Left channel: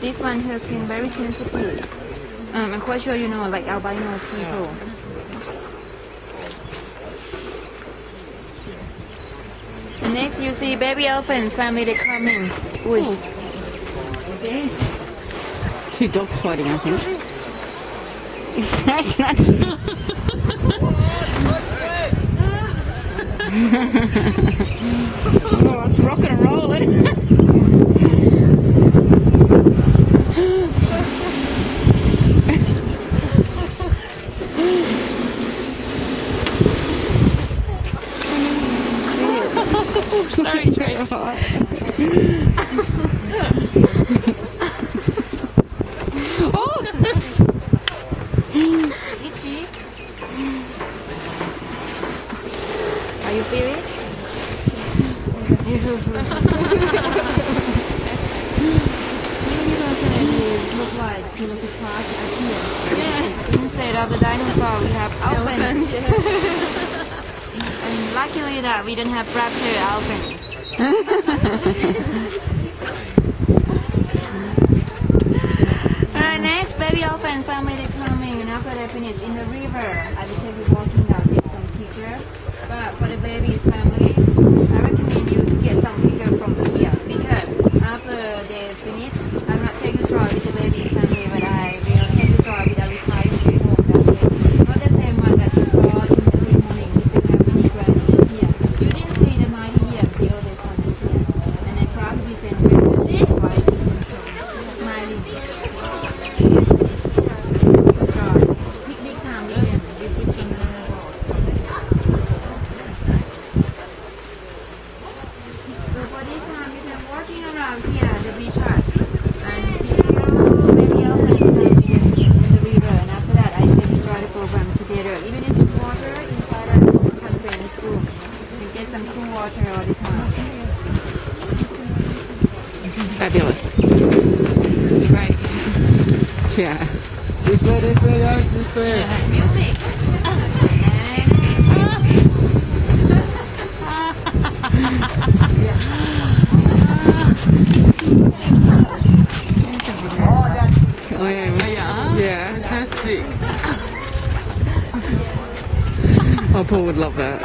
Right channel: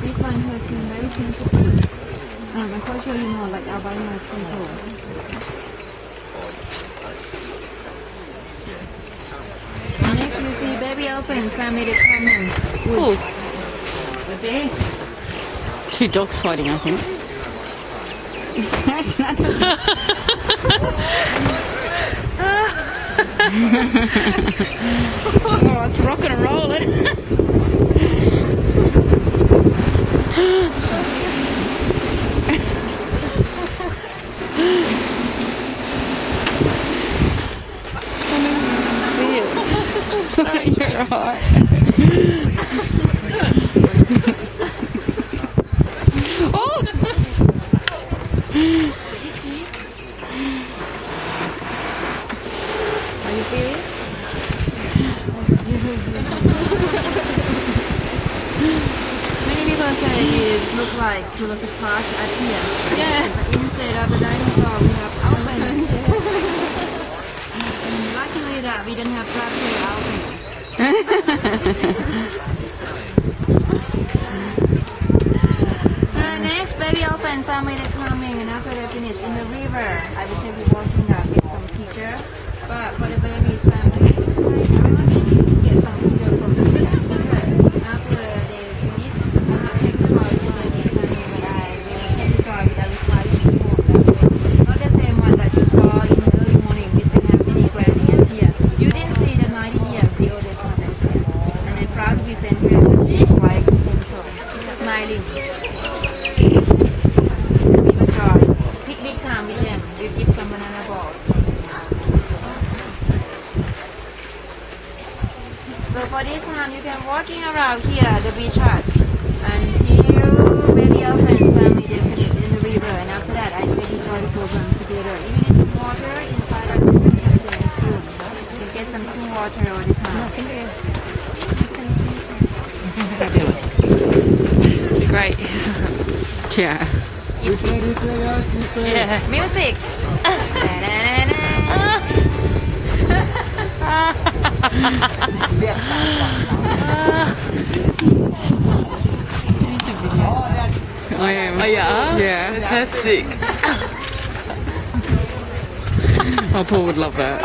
This one has been very sensitive. I'm quite sure you know, like albino people. Next, you see baby elephants family they coming. Ooh. Two dogs fighting, I think. Oh, it's rocking and rolling. See it. Sorry, you're right. Oh! Itchy. Are you feeling it? Many people say it looks like Jurassic Park at here. Yeah. But instead of the dinosaur, we have elephants. And luckily that we don't have raptor elephants. Alright, next baby elephants family they're coming, and after they finish in the river, I will take you walking now, get some picture. But for the babies family, I recommend you get some picture from here because after they finish, I will not take you drive with the babies family, but I will take you drive with a retirement home that way. Not the same one that you saw in the early morning. We still have many grandparents here. You didn't see the 90 years, the oldest one is here. And I'm proud to present her quite gentle, smiling. You drive. Picnic time with them. We give some banana balls. So for this time, you can walking around here, the beach hut, until baby elephant family they finish in the river, and after that, I take you try the program together. Even if some water inside of the containers room, you can get some cool water all the time. Fabulous. It's great. Yeah. Yeah. Music. I am. Oh, yeah? Yeah. Fantastic. Oh, Paul would love that.